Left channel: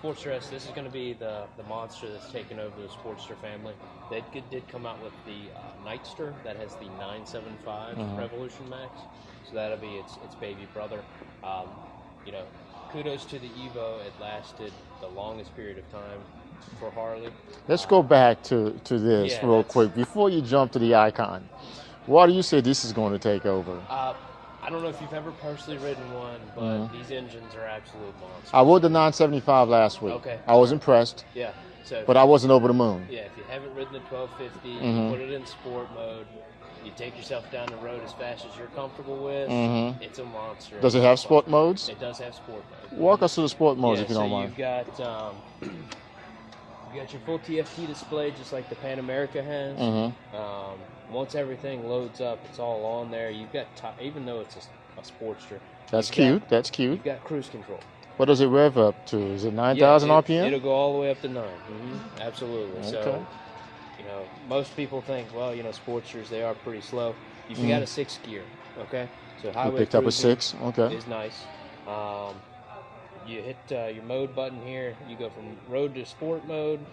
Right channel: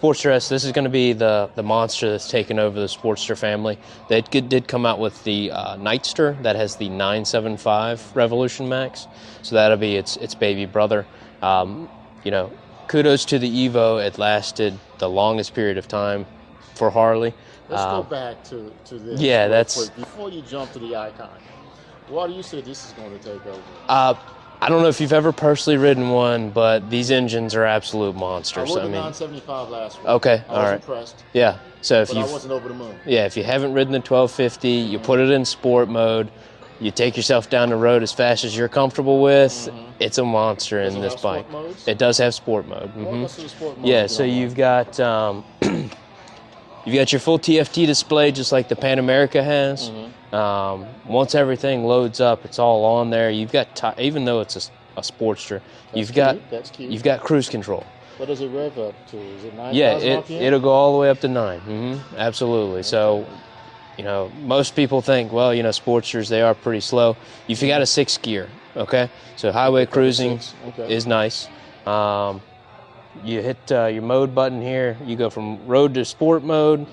Sportster S, this is going to be the monster that's taken over the Sportster family. They did come out with the Nightster that has the 975 Revolution Max, so that'll be its baby brother. You know, kudos to the Evo. It lasted the longest period of time for Harley. Let's go back to this real quick. Before you jump to the Icon, why do you say this is going to take over? I don't know if you've ever personally ridden one, but these engines are absolute monsters. I rode the 975 last week. Okay. I was impressed. Yeah. So but I wasn't over the moon. Yeah, if you haven't ridden the 1250, you put it in sport mode, you take yourself down the road as fast as you're comfortable with, it's a monster. Does it have sport modes? It does have sport mode. Walk us through the sport mode. Yeah, so you've got you've got your full TFT display just like the Pan America has. Once everything loads up, it's all on there. You've got, even though it's a Sportster, that's cute. You've got cruise control. What does it rev up to? Is it 9,000 RPM? It'll go all the way up to 9. Absolutely. Okay. So, you know, most people think, well, you know, Sportsters, they are pretty slow. You've got a 6 gear, okay? So highway cruising is nice. You hit your mode button here. You go from road to sport mode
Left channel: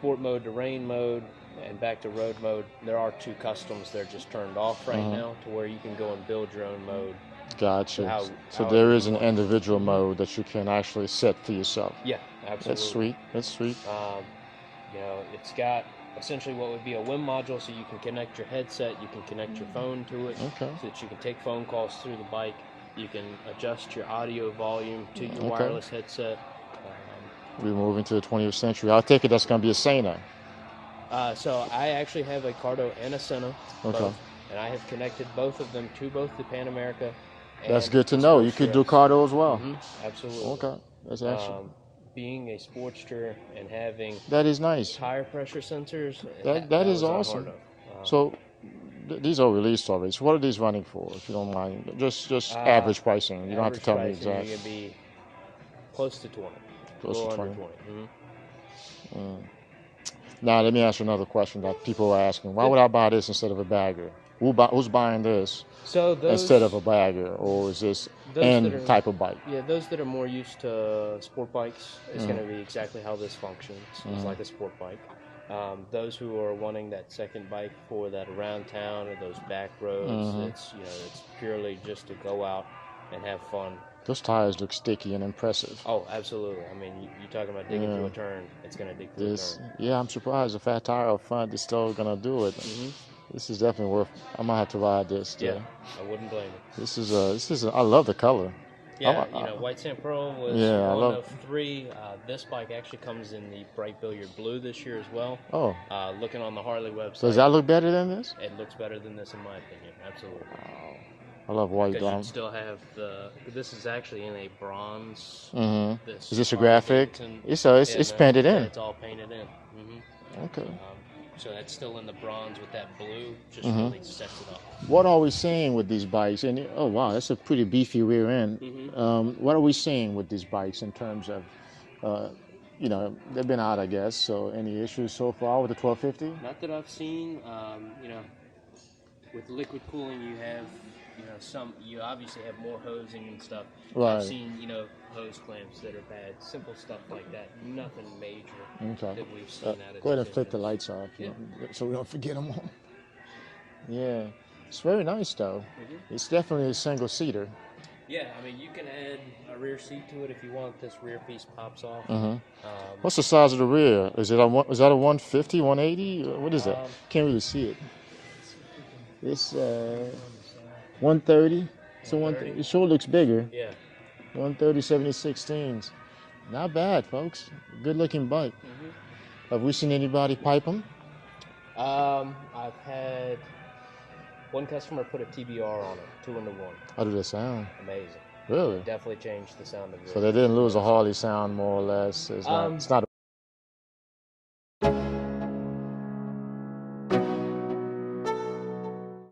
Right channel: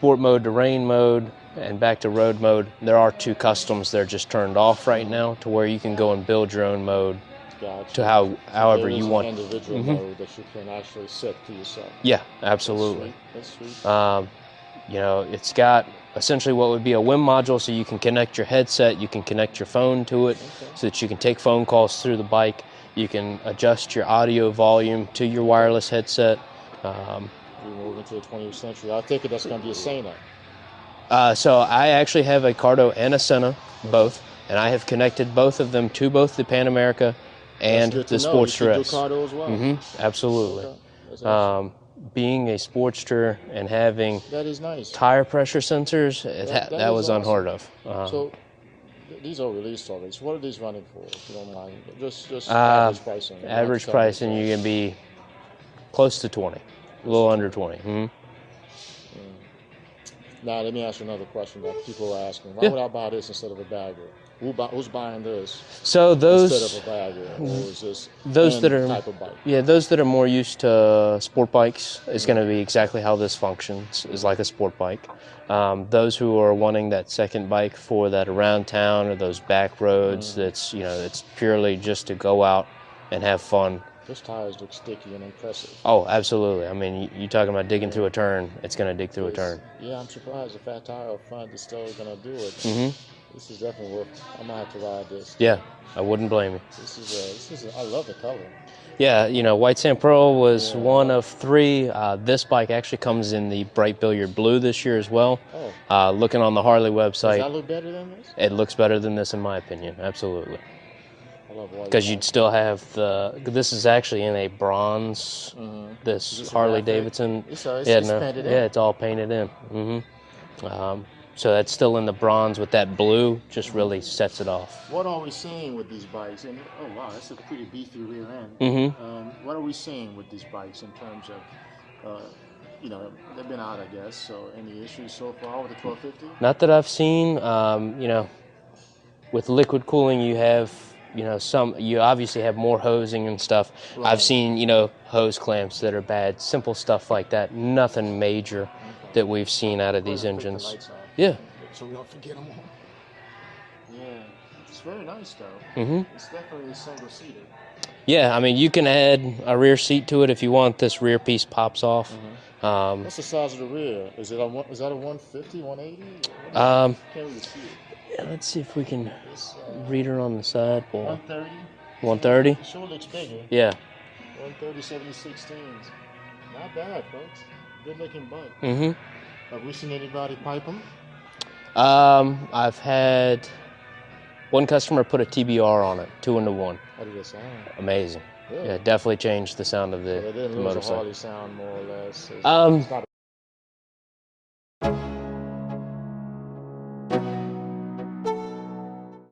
to rain mode, and back to road mode. There are 2 customs that are just turned off right now to where you can go and build your own mode. Gotcha. To however there is you want. An individual mode that you can actually set for yourself. Yeah, absolutely. That's sweet. You know, it's got essentially what would be a WIM module, so you can connect your headset, you can connect your phone to it, so that you can take phone calls through the bike. You can adjust your audio volume to your wireless headset. We're moving to the 20th century. I take it that's going to be a Sena. So I actually have a Cardo and a Sena, both, and I have connected both of them to both the Pan America and the Sportster. You can do Cardo as well. Absolutely. Okay. That's awesome. Being a Sportster and having that is nice tire pressure sensors, that was awesome. unheard of. So these are released already. So what are these running for, if you don't mind? Just average pricing. Average pricing, you're going to be close to 20, a little under 20. Now, let me ask you another question that people are asking. Why would I buy this instead of a bagger? Who's buying this instead of a bagger? Or is this type of bike? Yeah, those that are more used to sport bikes is going to be exactly how this functions, is like a sport bike. Those who are wanting that second bike for that around town or those back roads, it's purely just to go out and have fun. Those tires look sticky and impressive. Oh, absolutely. I mean, you're talking about digging through a turn. It's going to dig through a turn. Yeah, I'm surprised. A fat tire up front is still going to do it. This is definitely worth. I might have to ride this. Yeah, I wouldn't blame you. This is. I love the color. Yeah, you know, White Sand Pearl was one of 3. This bike actually comes in the bright billiard blue this year as well. Looking on the Harley website. Does that look better than this? It looks better than this in my opinion, absolutely. I love white. Because you'd still have this is actually in a bronze. This is this Harley a graphic? Davidson. It's painted in. Yeah, it's all painted in. Okay. So that's still in the bronze with that blue, just really sets it off. What are we seeing with these bikes? And oh wow, that's a pretty beefy rear end. What are we seeing with these bikes in terms of, you know, they've been out, I guess. So any issues so far with the 1250? Not that I've seen. You know, with liquid cooling, you have, you know, you obviously have more hosing and stuff. Right. I've seen, you know, hose clamps that are bad, simple stuff like that. Nothing major that we've seen out of these engines. Flip the lights off. Yeah. So we don't forget them all. Yeah, it's very nice though. It's definitely a single seater. Yeah, I mean, you can add a rear seat to it if you want. This rear piece pops off. What's the size of the rear? Is that a 150, 180? What is it? Can't really see it. Let's see if we can read her on the side. 130. 130? It sure looks bigger. Yeah. 130, 70/16. Not bad, folks. Good looking bike. Have we seen anybody pipe them? I've had one customer put a TBR on it, 2-in-1. How did that sound? Amazing. Really? Yeah, definitely changed the sound of the. So they didn't lose a Harley sound, more or less. It's not